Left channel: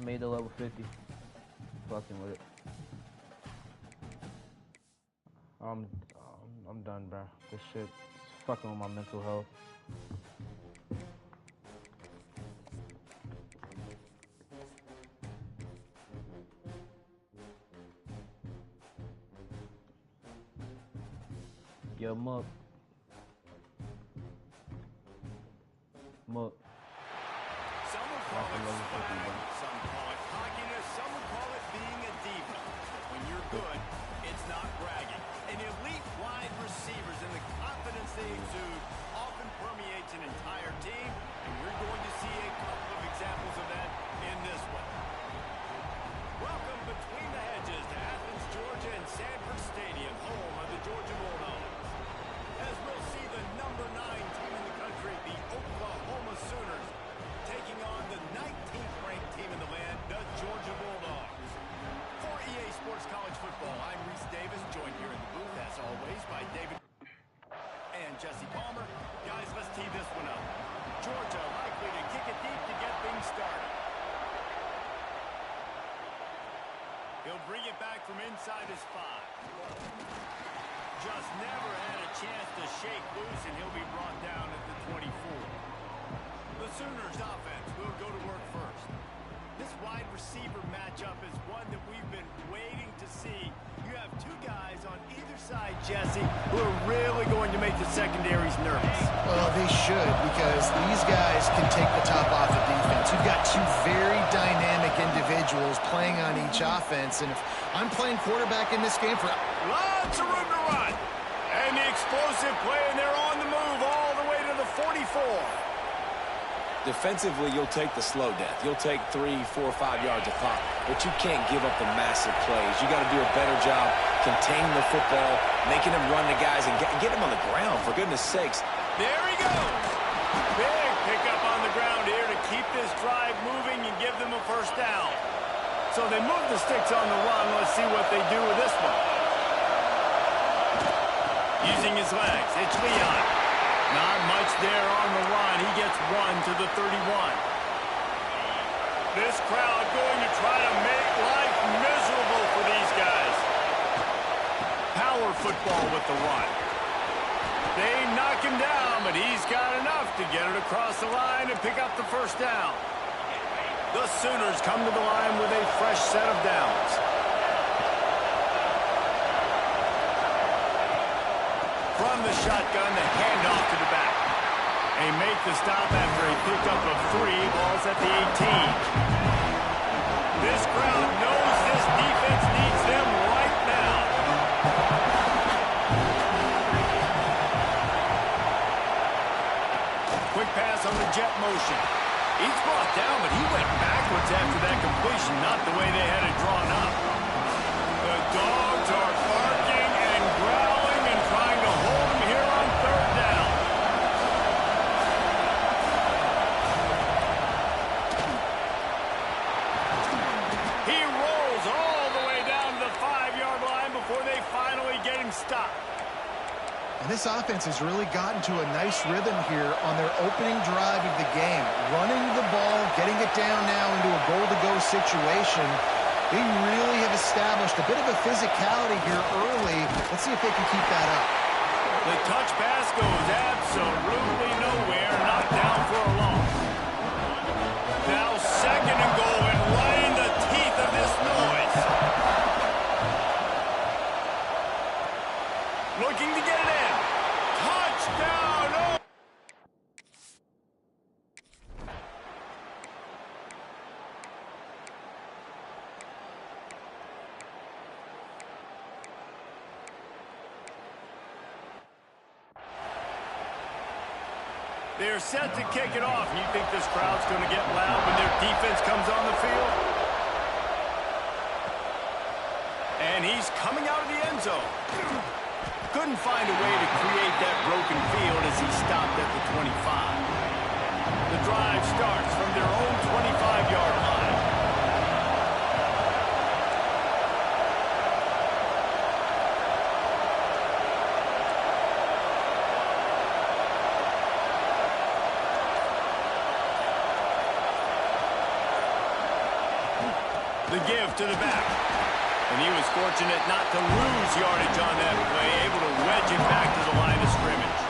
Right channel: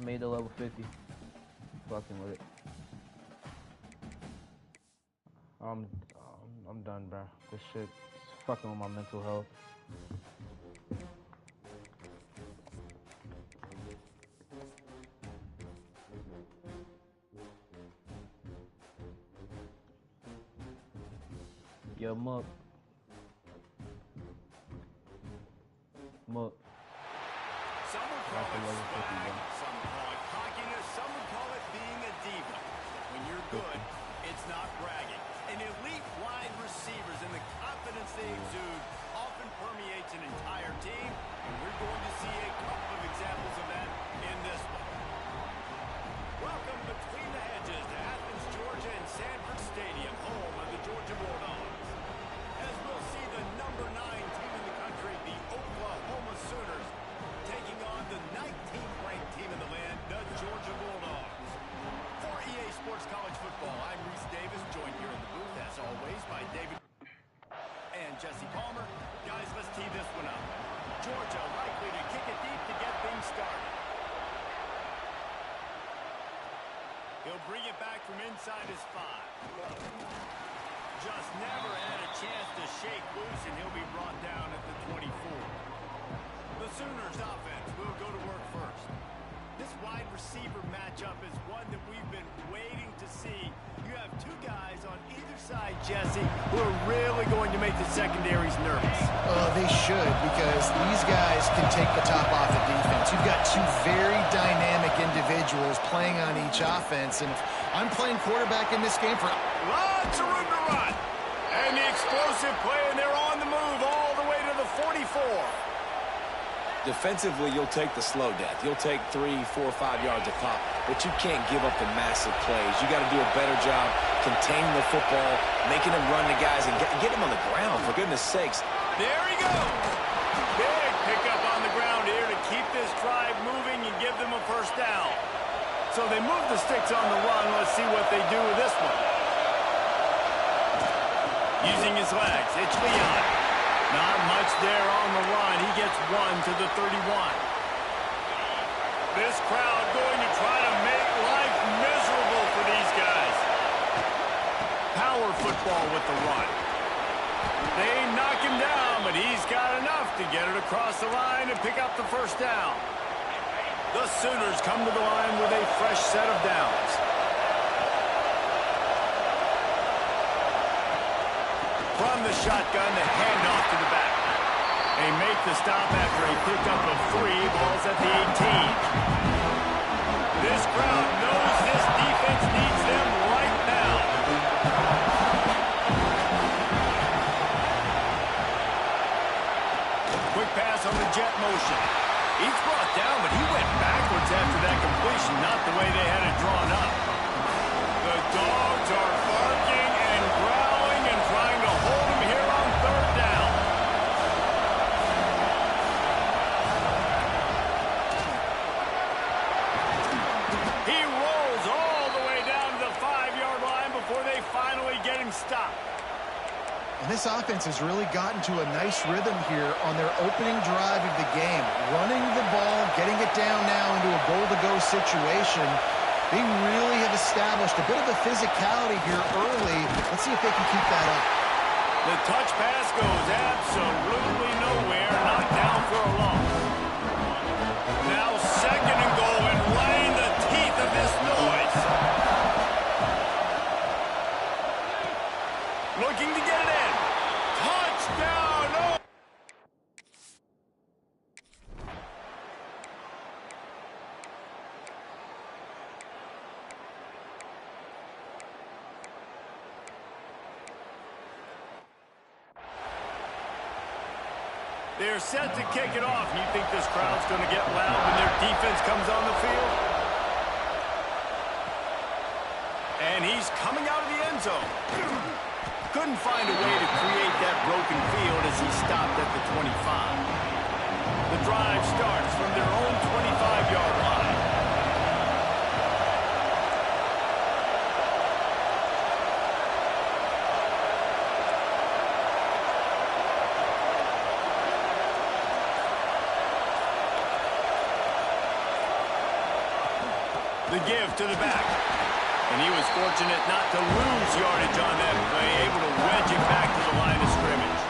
Made the level 50. Fucking with it. I'm done, bro. This shit's fucking with my mental health. Yo, Muck. Some would call it swag, some call it cockiness, some would call it being a diva. But when you're good, it's not bragging. An elite wide receivers and the confidence they exude often permeates an entire team, and we're going to see a couple of examples of that in this one. Welcome between the hedges to Athens, Georgia and Sanford Stadium, home of the Georgia Bulldogs. As we'll see the number 9 team in the country, the Oklahoma Sooners, taking on the 19th ranked team in the land, the Georgia Bulldogs. For EA Sports College Football, I'm Reese Davis, joined here in the booth, as always, by David and Jesse Palmer. Guys, let's tee this one up. Georgia likely to kick it deep to get things started. He'll bring it back from inside his 5. Just never had a chance to shake loose, and he'll be brought down at the 24. The Sooners offense will go to work first. This wide receiver matchup is one that we've been waiting to see. You have 2 guys on either side, Jesse, who are really going to make the secondaries nervous. Well, they should, because these guys can take the top off the defense. You've got 2 very dynamic individuals playing on each offense, and if I'm playing quarterback in this game for... Lots of room to run. And the explosive play, and they're on the move all the way to the 44. Defensively, you'll take the slow death. You'll take 3, 4, 5 yards a pop, but you can't give up the massive plays. You got to do a better job containing the football, making them run the guys, and get them on the ground, for goodness sakes. There he goes. Big pickup on the ground here to keep this drive moving and give them a first down. So they move the sticks on the run. Let's see what they do with this one. Using his legs, it's Leon. Not much there on the run. He gets 1 to the 31. This crowd going to try to make life miserable for these guys. Power football with the run. They knock him down, but he's got enough to get it across the line and pick up the first down. The Sooners come to the line with a fresh set of downs. From the shotgun, the handoff to the back. They make the stop after a pickup of 3 balls at the 18. This crowd knows this defense needs them right now. Quick pass on the jet motion. He's brought down, but he went backwards after that completion, not the way they had it drawn up. The Dogs are barking and growling and trying to hold him here on 3rd down. He rolls all the way down to the 5-yard line before they finally get him stopped. And this offense has really gotten to a nice rhythm here on their opening drive of the game. Running the ball, getting it down now into a goal-to-go situation. They really have established a bit of a physicality here early. Let's see if they can keep that up. The touch pass goes absolutely nowhere, knocked down for a loss. Now 2nd and goal, and right in the teeth of this noise. Looking to get it in. Touchdown! Oh. They're set to kick it off. You think this crowd's going to get loud when their defense comes on the field? And he's coming out of the end zone. Couldn't find a way to create that broken field as he stopped at the 25. The drive starts from their own 25-yard line. The give to the back. And he was fortunate not to lose yardage on that play, able to wedge it back to the line of scrimmage.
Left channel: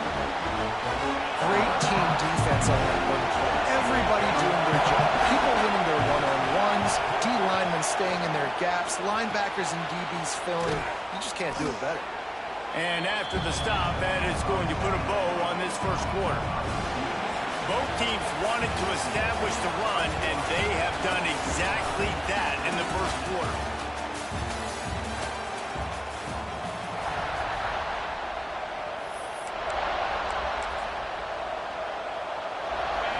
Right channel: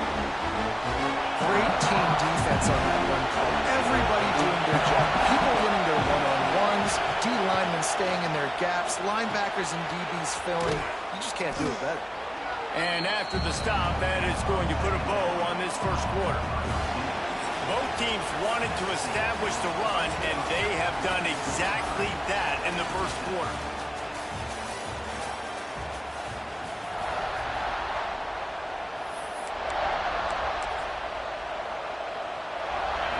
Great team defense on that one play. Everybody doing their job. People winning their one-on-ones, D linemen staying in their gaps, linebackers and DBs filling. You just can't do it better. And after the stop, that is going to put a bow on this first quarter. Both teams wanted to establish the run, and they have done exactly that in the first quarter.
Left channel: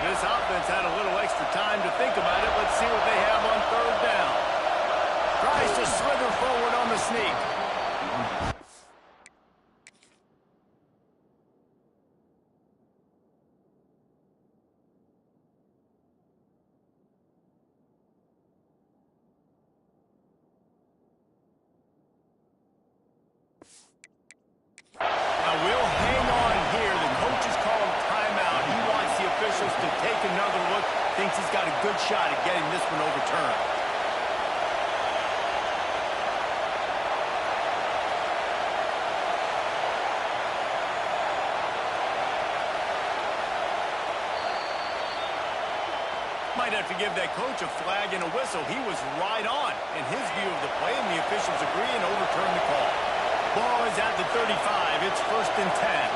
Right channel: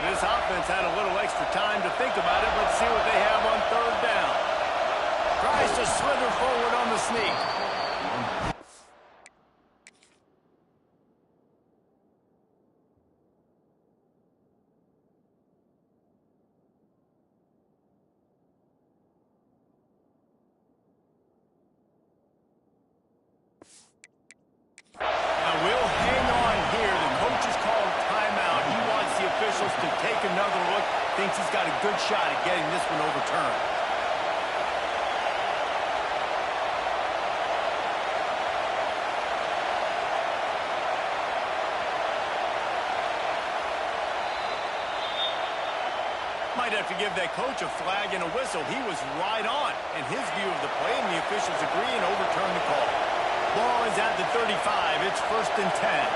This offense had a little extra time to think about it. Let's see what they have on third down. Tries to slither forward on the sneak. Now we'll hang on here. The coach has called timeout. He wants the officials to take another look. Thinks he's got a good shot at getting this one overturned. Might have to give that coach a flag and a whistle. He was right on in his view of the play, and the officials agree and overturn the call. Ball is at the 35. It's 1st and 10.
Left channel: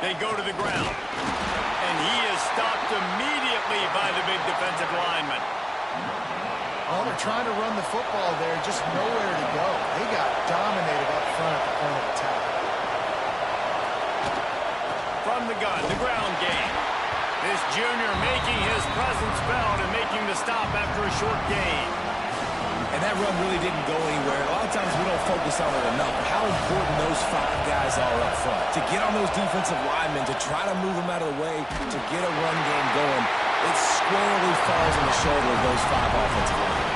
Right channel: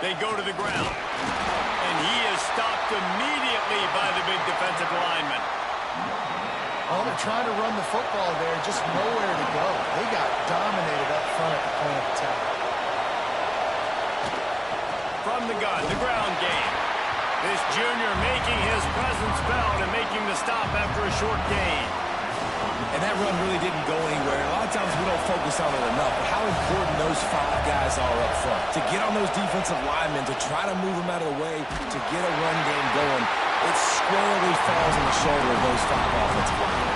They go to the ground. And he is stopped immediately by the big defensive lineman. Oh, they're trying to run the football there. Just nowhere to go. They got dominated up front at the point of attack. From the gun, the ground game. This junior making his presence felt and making the stop after a short gain. And that run really didn't go anywhere. A lot of times we don't focus on it enough, but how important those 5 guys are up front. To get on those defensive linemen, to try to move them out of the way, to get a run game going, it squarely falls on the shoulder of those 5 offensive linemen.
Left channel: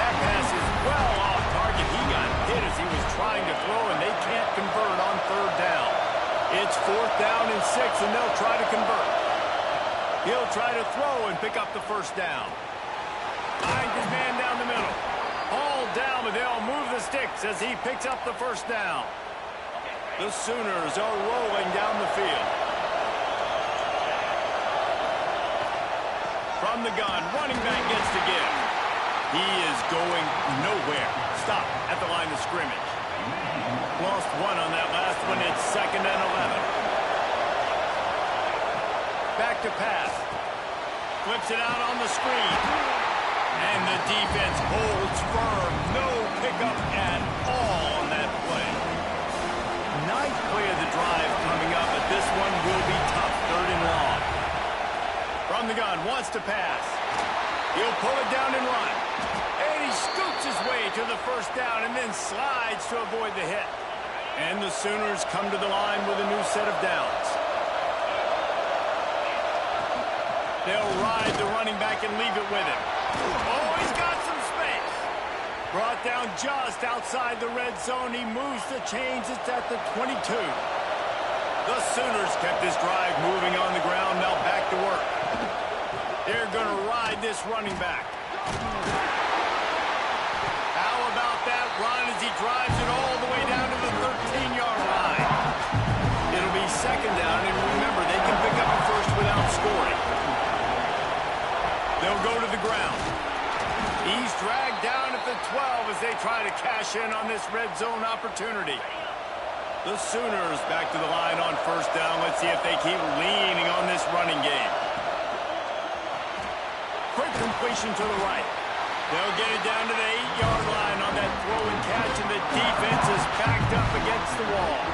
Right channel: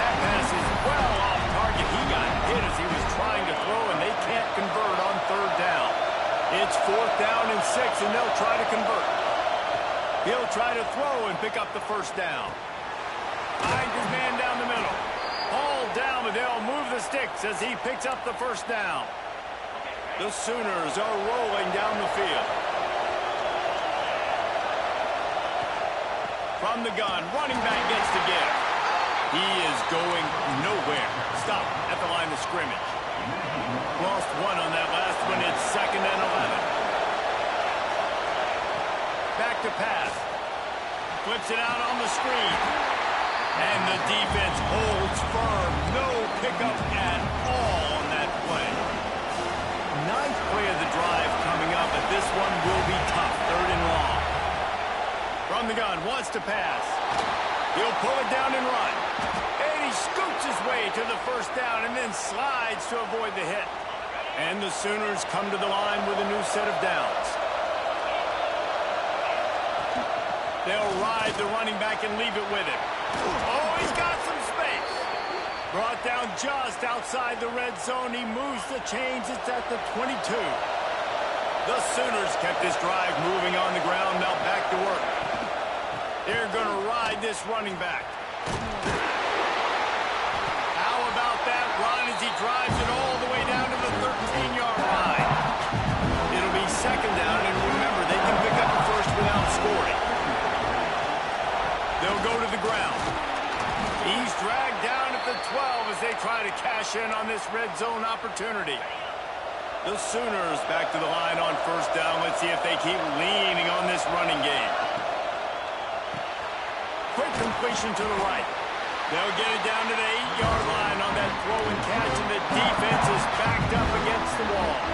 That pass is well off target. He got hit as he was trying to throw, and they can't convert on third down. It's 4th down and 6, and they'll try to convert. He'll try to throw and pick up the first down. Finds his man down the middle. All down, but they'll move the sticks as he picks up the first down. The Sooners are rolling down the field. From the gun, running back gets the give. He is going nowhere. Stop at the line of scrimmage. Lost 1 on that last one. It's 2nd and 11. Back to pass. Flips it out on the screen. And the defense holds firm. No pickup at all on that play. 9th play of the drive coming up, but this one will be tough. 3rd and long. From the gun, wants to pass. He'll pull it down and run. And he scoots his way to the first down and then slides to avoid the hit. And the Sooners come to the line with a new set of downs. They'll ride the running back and leave it with him. Oh, he's got some space. Brought down just outside the red zone. He moves the chains. It's at the 22. The Sooners kept this drive moving on the ground. Now back to work. They're going to ride this running back. How about that run as he drives it all the way down to the 13-yard line? It'll be 2nd down, and remember, they can pick up a first without scoring. They'll go to the ground. He's dragged down at the 12 as they try to cash in on this red zone opportunity. The Sooners back to the line on 1st down. Let's see if they keep leaning on this running game. Quick completion to the right. They'll get it down to the 8-yard line on that throw and catch, and the defense is backed up against the wall.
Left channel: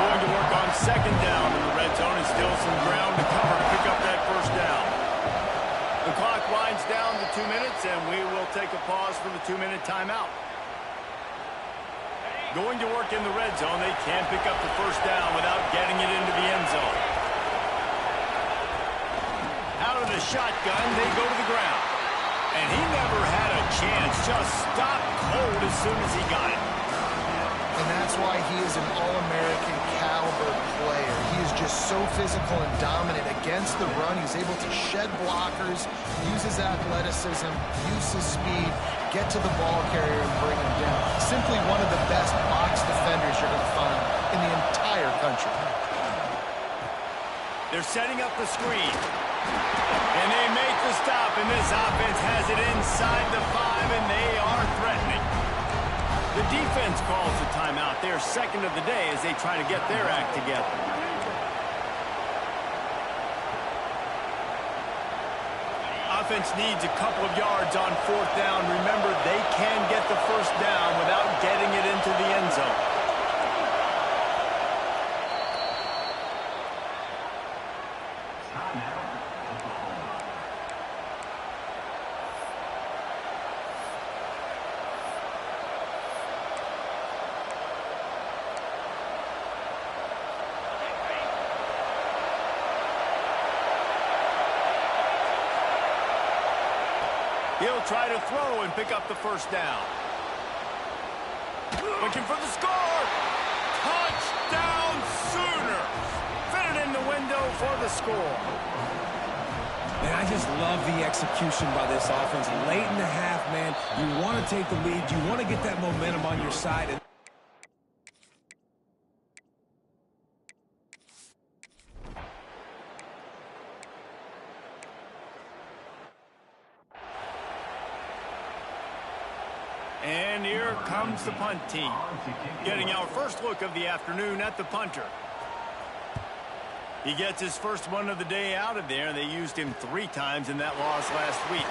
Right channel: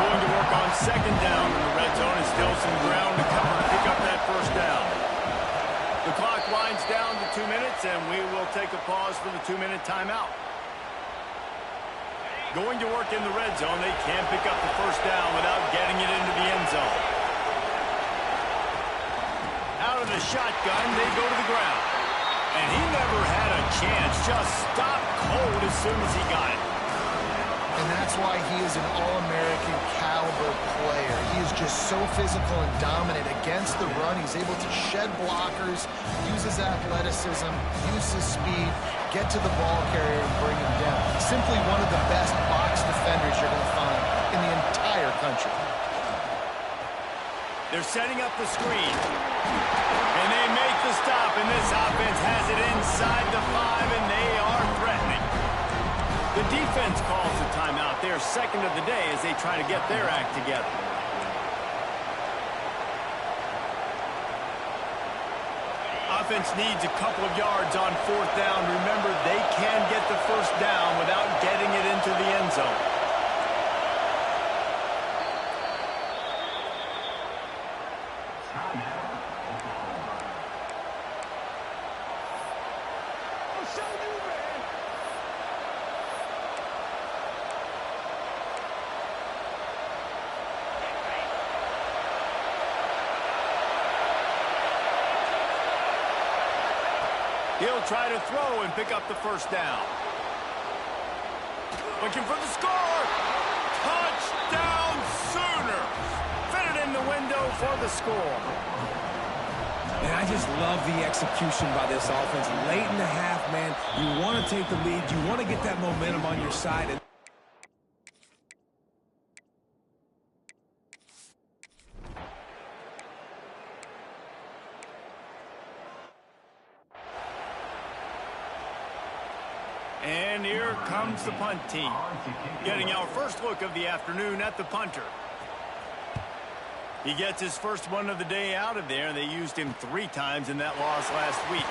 Going to work on 2nd down in the red zone, and still some ground to cover to pick up that first down. The clock winds down to 2 minutes, and we will take a pause for the 2-minute timeout. Going to work in the red zone. They can't pick up the first down without getting it into the end zone. Out of the shotgun, they go to the ground. And he never had a chance. Just stopped cold as soon as he got it. And that's why he is an All-American caliber player. He is just so physical and dominant against the run. He's able to shed blockers, use his athleticism, use his speed, get to the ball carrier and bring him down. Simply one of the best box defenders you're going to find in the entire country. They're setting up the screen. And they make the stop, and this offense has it inside the 5, and they are threatening. The defense calls the timeout. Their second of the day as they try to get their act together. Offense needs a couple of yards on 4th down. Remember, they can get the first down without getting it into the end zone. He'll try to throw and pick up the first down. Looking for the score. Touchdown Sooners. Fit it in the window for the score. Man, I just love the execution by this offense. Late in the half, man, you want to take the lead. You want to get that momentum on your side. And here comes the punt team. Getting our first look of the afternoon at the punter. He gets his first one of the day out of there. They used him 3 times in that loss last week.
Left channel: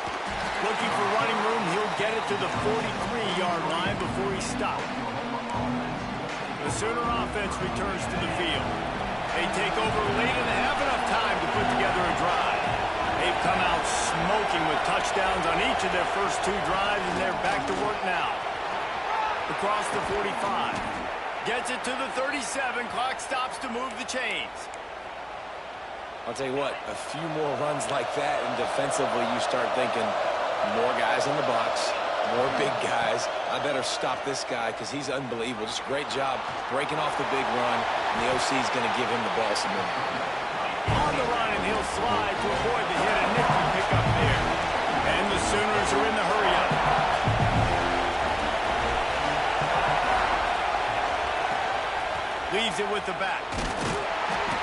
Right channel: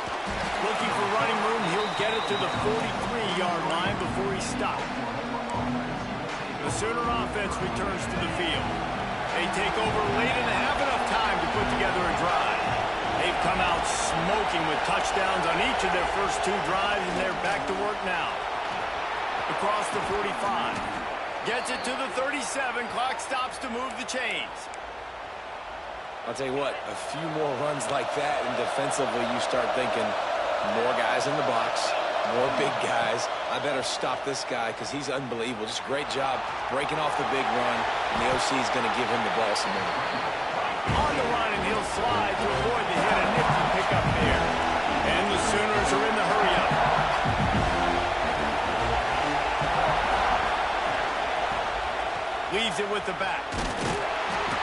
Looking for running room, he'll get it to the 43-yard line before he stopped. The Sooner offense returns to the field. They take over late and have enough time to put together a drive. They've come out smoking with touchdowns on each of their first 2 drives, and they're back to work now. Across the 45. Gets it to the 37. Clock stops to move the chains. I'll tell you what, a few more runs like that, and defensively you start thinking more guys in the box, more big guys. I better stop this guy because he's unbelievable. Just a great job breaking off the big run, and the OC is going to give him the ball some more. On the run, and he'll slide to avoid the hit. A nifty pickup there. And the Sooners are in the hurry-up. Leaves it with the back.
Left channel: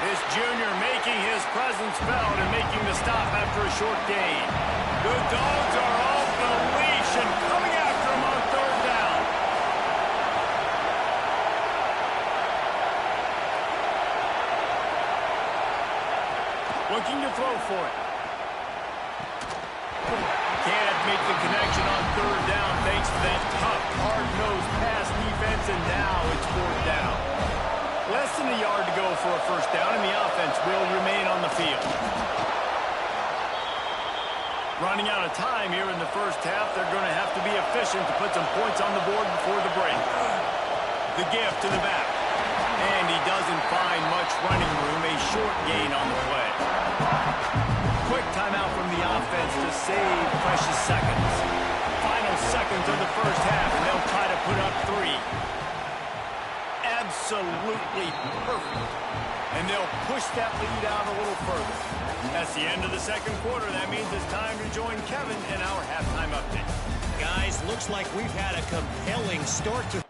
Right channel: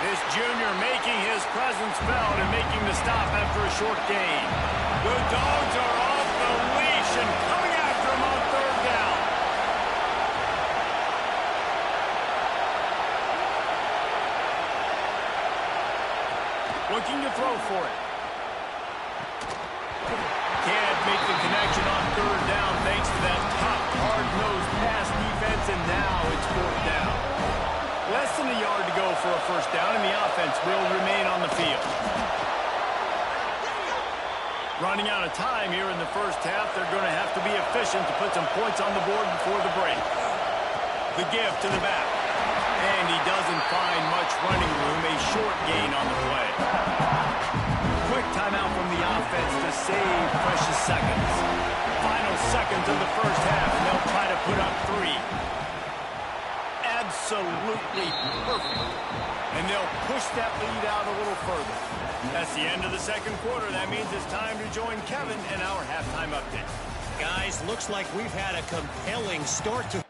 This junior making his presence felt and making the stop after a short gain. The Dogs are off the leash and coming after him on 3rd down. Looking to throw for it. Can't make the connection on 3rd down thanks to that tough, hard-nosed pass defense, and now it's 4th down. Less than a yard to go for a first down, and the offense will remain on the field. Running out of time here in the first half, they're going to have to be efficient to put some points on the board before the break. The give to the back. And he doesn't find much running room, a short gain on the play. Quick timeout from the offense to save precious seconds. Final seconds of the first half, and they'll try to put up 3. Absolutely perfect. And they'll push that lead out a little further. That's the end of the second quarter. That means it's time to join Kevin in our halftime update. Guys, looks like we've had a compelling start to...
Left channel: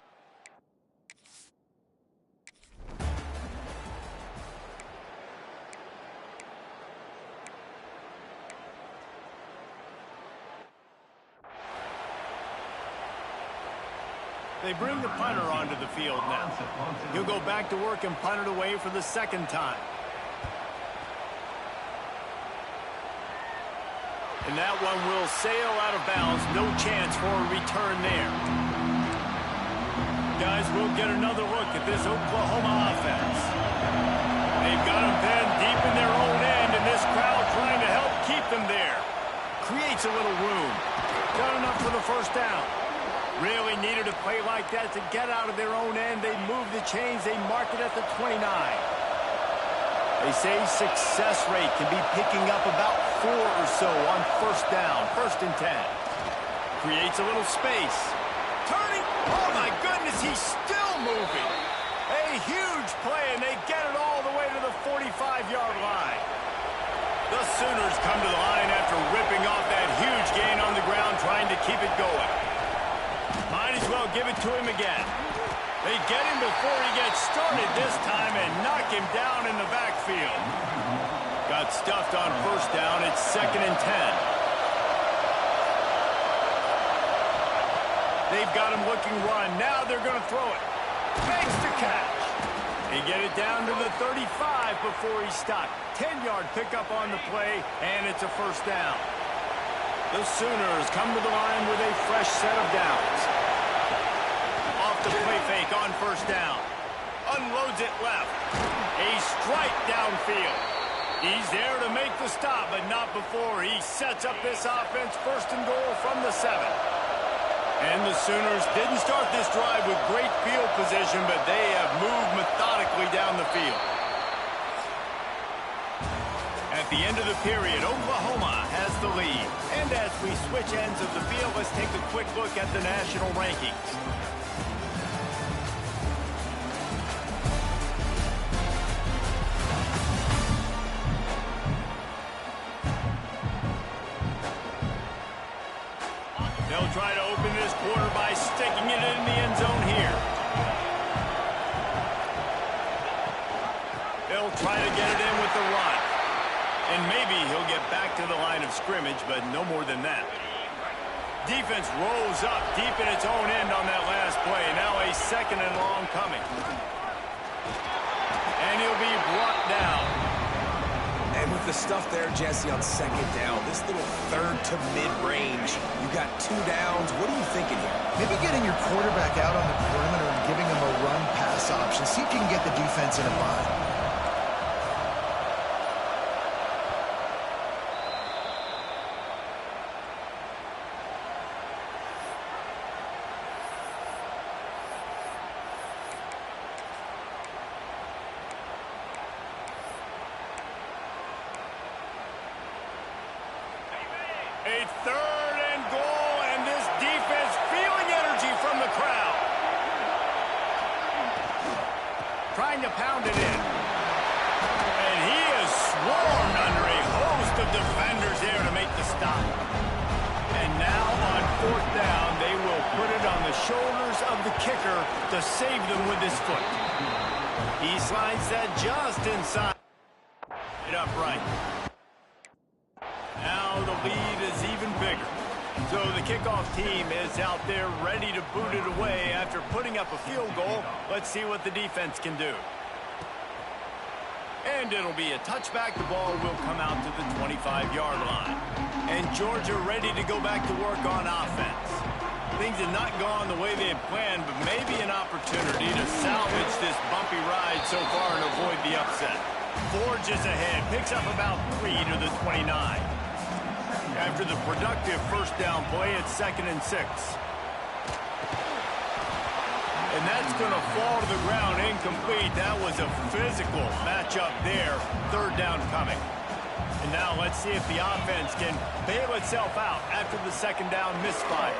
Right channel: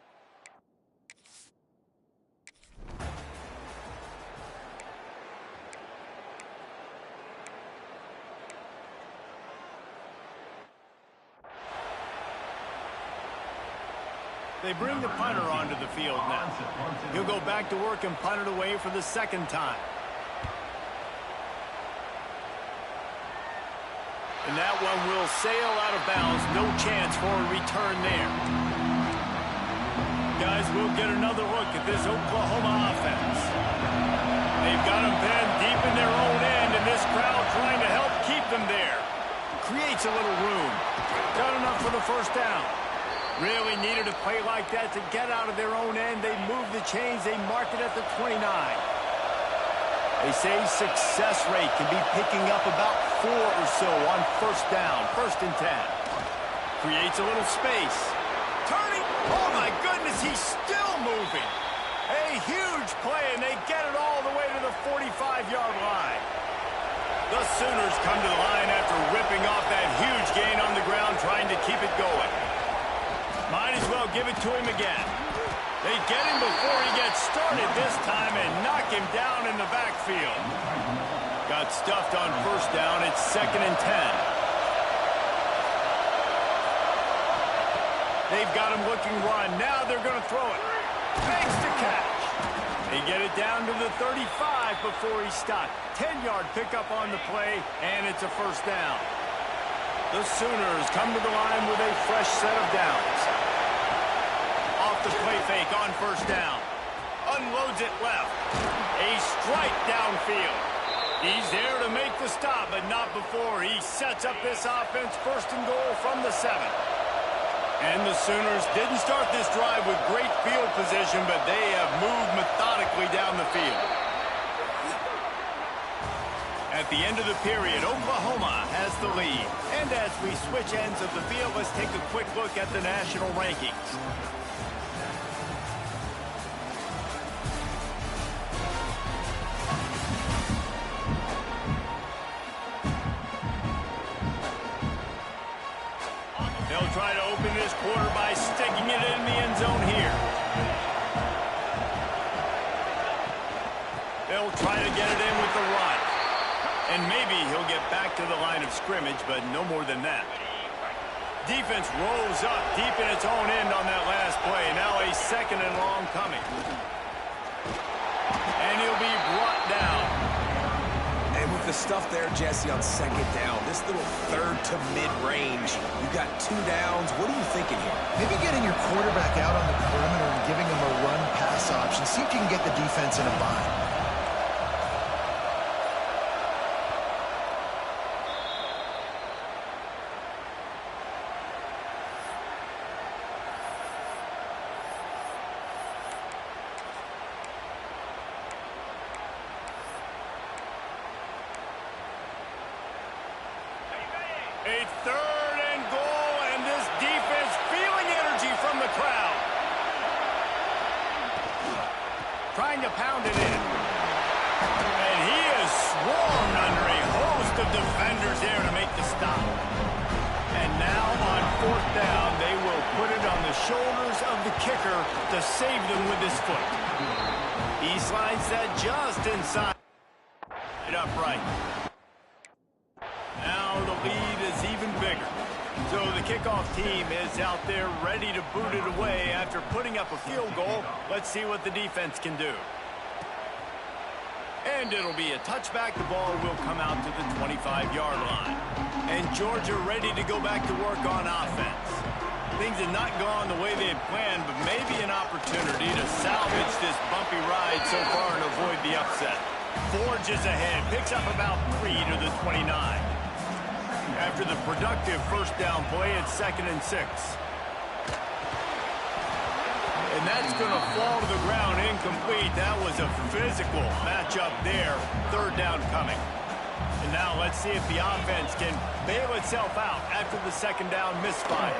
They bring the punter onto the field now. He'll go back to work and punt it away for the second time. And that one will sail out of bounds. No chance for a return there. Guys, we'll get another look at this Oklahoma offense. They've got them pinned deep in their own end, and this crowd trying to help keep them there. Creates a little room. Got enough for the first down. Really needed a play like that to get out of their own end. They move the chains. They mark it at the 29. They say success rate can be picking up about 4 or so on first down, 1st and 10. Creates a little space. turning. Oh, my goodness, he's still moving. A huge play, and they get it all the way to the 45-yard line. The Sooners come to the line after ripping off that huge gain on the ground, trying to keep it going. Might as well give it to him again. They get him before he gets started this time and knock him down in the backfield. Got stuffed on first down. It's 2nd and 10. They've got him looking run. Now they're going to throw it. Makes the catch. They get it down to the 35 before he stopped. 10-yard pickup on the play, and it's a first down. The Sooners come to the line with a fresh set of downs. Off the play fake on first down. Unloads it left. A strike downfield. He's there to make the stop, but not before he sets up this offense. 1st and goal from the 7. And the Sooners didn't start this drive with great field position, but they have moved methodically down the field. At the end of the period, Oklahoma has the lead. And as we switch ends of the field, let's take a quick look at the national rankings. They'll try to open this quarter by sticking it in the end zone here. They'll try to get it in with the run. And maybe he'll get back to the line of scrimmage, but no more than that. Defense rolls up deep in its own end on that last play. Now a 2nd and long coming. And he'll be brought down. And with the stuff there, Jesse, on 2nd down, this little 3rd to mid-range, you got 2 downs. What are you thinking here? Maybe getting your quarterback out on the perimeter and giving him a run-pass option. See if you can get the defense in a bind. A 3rd and goal, and this defense feeling energy from the crowd. Trying to pound it in. And he is swarmed under a host of defenders there to make the stop. And now on 4th down, they will put it on the shoulders of the kicker to save them with his foot. He slides that just inside. It upright. Now the lead is even bigger. So the kickoff team is out there ready to boot it away after putting up a field goal. Let's see what the defense can do. And it'll be a touchback. The ball will come out to the 25-yard line. And Georgia ready to go back to work on offense. Things have not gone the way they had planned, but maybe an opportunity to salvage this bumpy ride so far and avoid the upset. Forges ahead, picks up about 3 to the 29. After the productive first down play, it's 2nd and 6. And that's going to fall to the ground incomplete. That was a physical matchup there. 3rd down coming. And now let's see if the offense can bail itself out after the 2nd down misfire.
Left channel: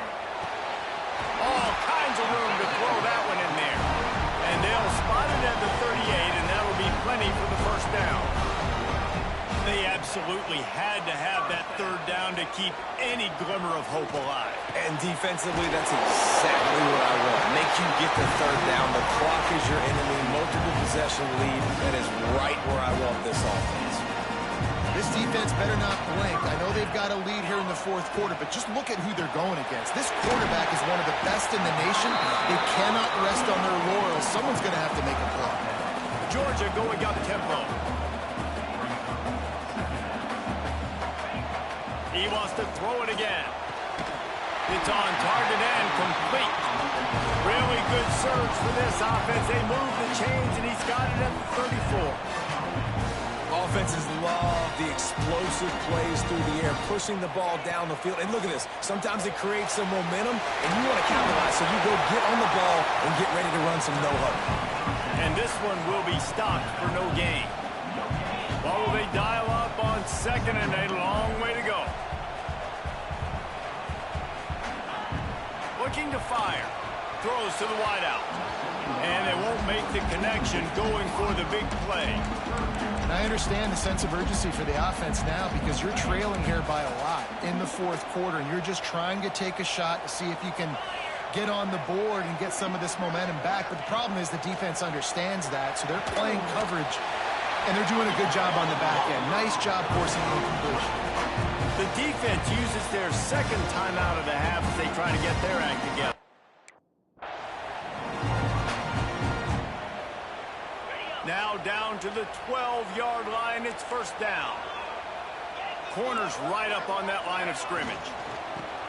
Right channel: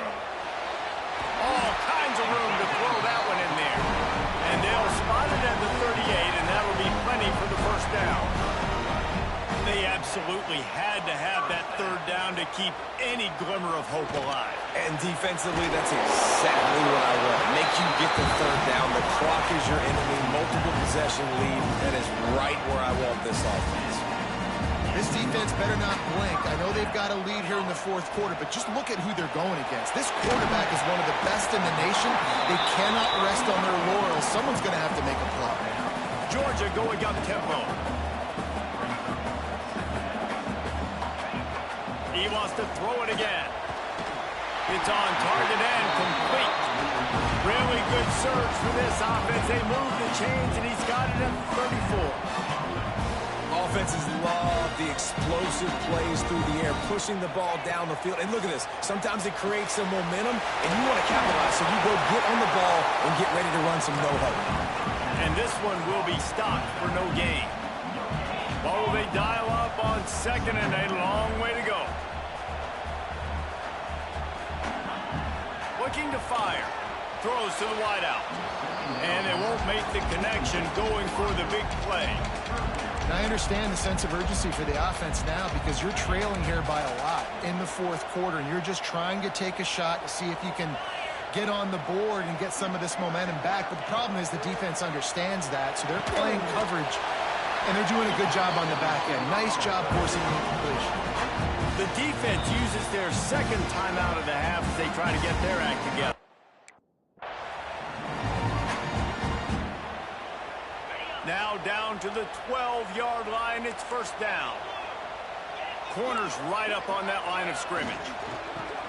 All kinds of room to throw that one in there. And they'll spot it at the 38, and that'll be plenty for the first down. They absolutely had to have that 3rd down to keep any glimmer of hope alive. And defensively, that's exactly what I want. Make you get the 3rd down. The clock is your enemy. Multiple possession lead. That is right where I want this offense. This defense better not blink. I know they've got a lead here in the 4th quarter, but just look at who they're going against. This quarterback is one of the best in the nation. They cannot rest on their laurels. Someone's going to have to make a play. Georgia going up tempo. He wants to throw it again. It's on target and complete. Really good surge for this offense. They move the chains, and he's got it at 34. Offenses love the explosive plays through the air, pushing the ball down the field. And look at this. Sometimes it creates some momentum, and you want to capitalize. So you go get on the ball and get ready to run some no-huddle. And this one will be stopped for no gain. What will they dial up on 2nd and a long way to go? looking to fire. Throws to the wideout. And they won't make the connection going for the big play. And I understand the sense of urgency for the offense now because you're trailing here by a lot in the fourth quarter, and you're just trying to take a shot to see if you can get on the board and get some of this momentum back. But the problem is the defense understands that, so they're playing coverage, and they're doing a good job on the back end. Nice job forcing the incompletion. The defense uses their second timeout of the half as they try to get their act together. Now down to the 12-yard line. It's first down. Corner's right up on that line of scrimmage.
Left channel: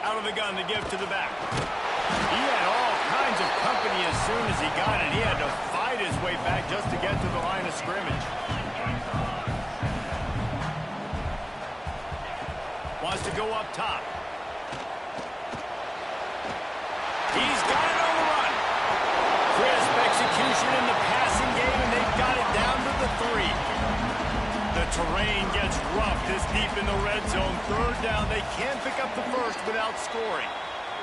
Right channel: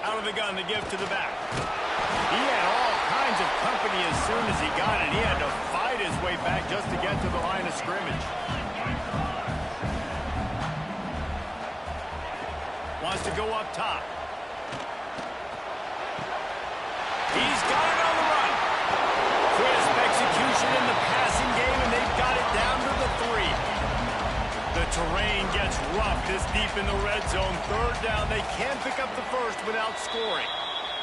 Out of the gun to give to the back. He had all kinds of company as soon as he got it. He had to fight his way back just to get to the line of scrimmage. Wants to go up top. He's got it on the run. Crisp execution in the passing game, and they've got it down to the 3. The terrain gets rough this deep in the red zone. Third down. They can't pick up the first without scoring.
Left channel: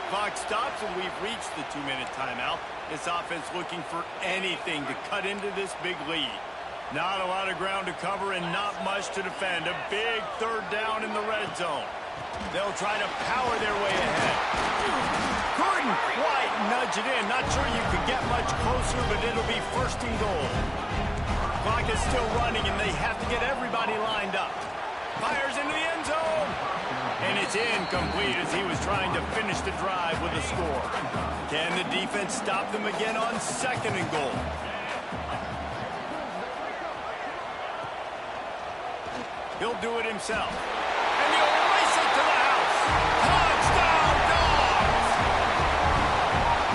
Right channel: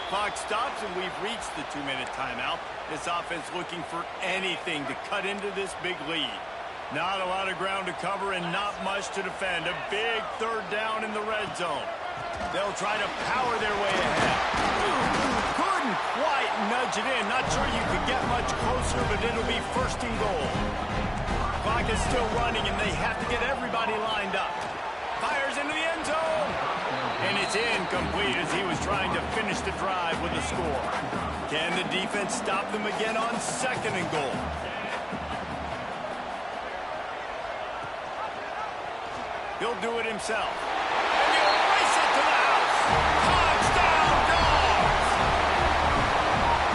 Clock stops, and we've reached the 2-minute timeout. This offense looking for anything to cut into this big lead. Not a lot of ground to cover and not much to defend. A big third down in the red zone. They'll try to power their way ahead. Couldn't quite nudge it in. Not sure you could get much closer, but it'll be first and goal. Clock is still running, and they have to get everybody lined up. Fires into the end zone. And it's incomplete as he was trying to finish the drive with a score. Can the defense stop them again on second and goal? He'll do it himself. And he'll race it to the house. Touchdown, Dogs!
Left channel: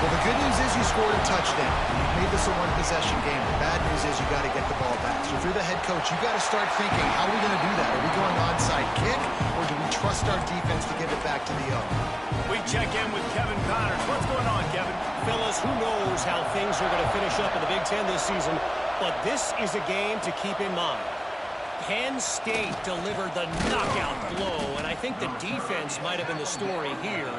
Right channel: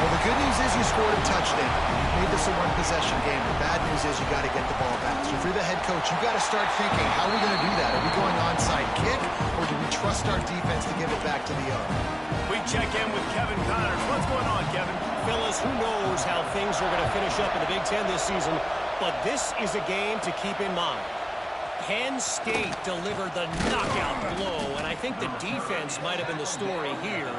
Well, the good news is you scored a touchdown. You've made this a one-possession game. The bad news is you got to get the ball back. So if you're the head coach, you got to start thinking, how are we going to do that? Are we going onside kick, or do we trust our defense to give it back to the owner? We check in with Kevin Connors. What's going on, Kevin? Fellas, who knows how things are going to finish up in the Big Ten this season, but this is a game to keep in mind. Penn State delivered the knockout blow, and I think the defense might have been the story here.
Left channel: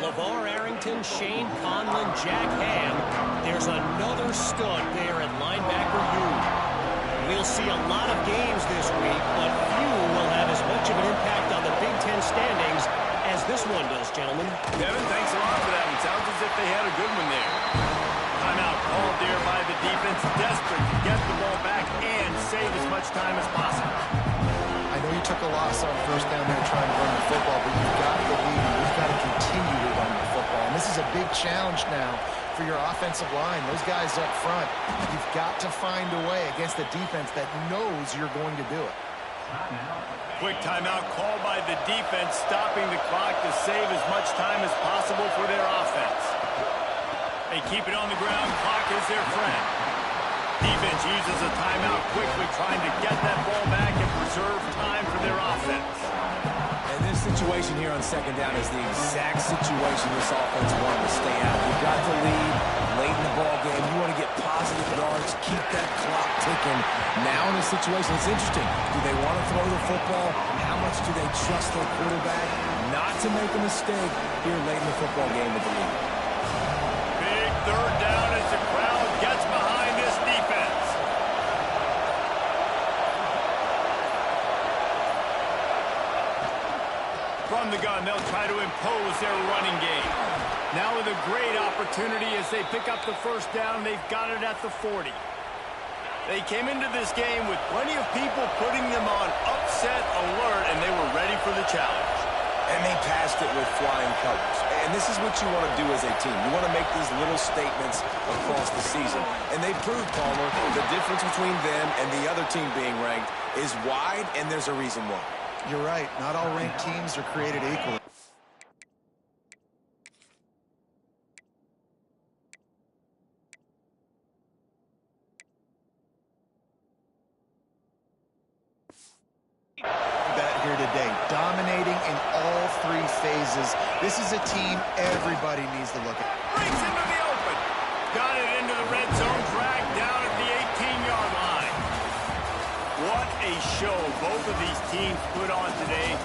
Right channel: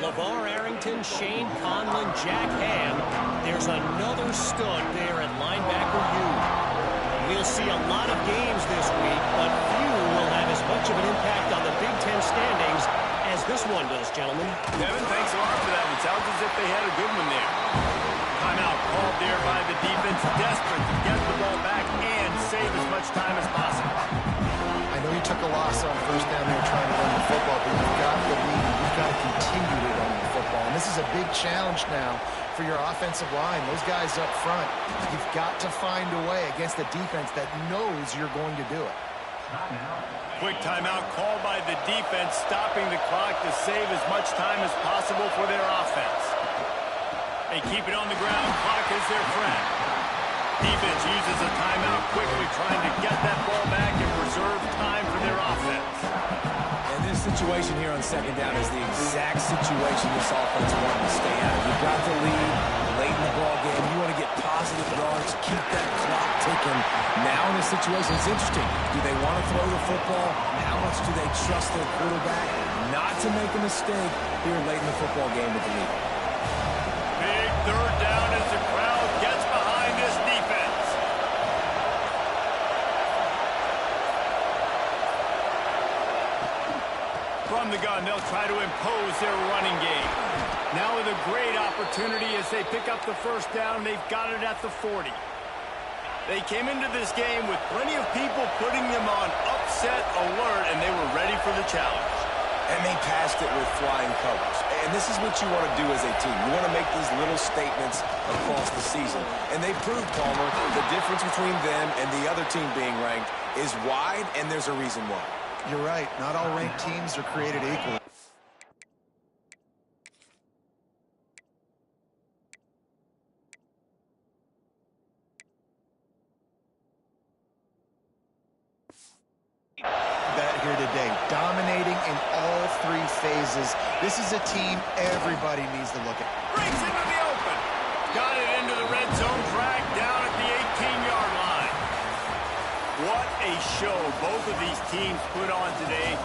LeVar Arrington, Shane Conlon, Jack Ham. There's another stud there at linebacker U. We'll see a lot of games this week, but few will have as much of an impact on the Big Ten standings as this one does, gentlemen. Kevin, thanks a lot for that one. Sounds as if they had a good one there. Timeout called there by the defense, desperate to get the ball back and save as much time as possible. I know you took a loss on first down there trying to run the football, but you've got the lead, and you've got to continue to run the football. And this is a big challenge now for your offensive line. Those guys up front, you've got to find a way against a defense that knows you're going to do it. Quick timeout called by the defense, stopping the clock to save as much time as possible for their offense. They keep it on the ground. Clock is their friend. Defense uses a timeout quickly, trying to get that ball back and preserve time for their offense. And this situation here on second down is the exact situation this offense wanted to stay out of. You've got the lead late in the ball game. You want to get positive yards, keep that clock ticking. Now in this situation, it's interesting. Do they want to throw the football? How much do they trust their quarterback not to make a mistake here late in the football game with the lead? Big third down as the crowd gets behind this defense. From the gun, they'll try to impose their running game. Now with a great opportunity as they pick up the first down. They've got it at the 40. They came into this game with plenty of people putting them on upset alert, and they were ready for the challenge. And they passed it with flying colors. And this is what you want to do as a team. You want to make these little statements across the season. And they proved, Palmer, the difference between them and the other team being ranked is wide, and there's a reason why. You're right. Not all ranked teams are created equal. That here today, dominating in all three phases. This is a team everybody needs to look at. Breaks into the open. Got it into the red zone, dragged down at the 18-yard line. What a show both of these teams put on today.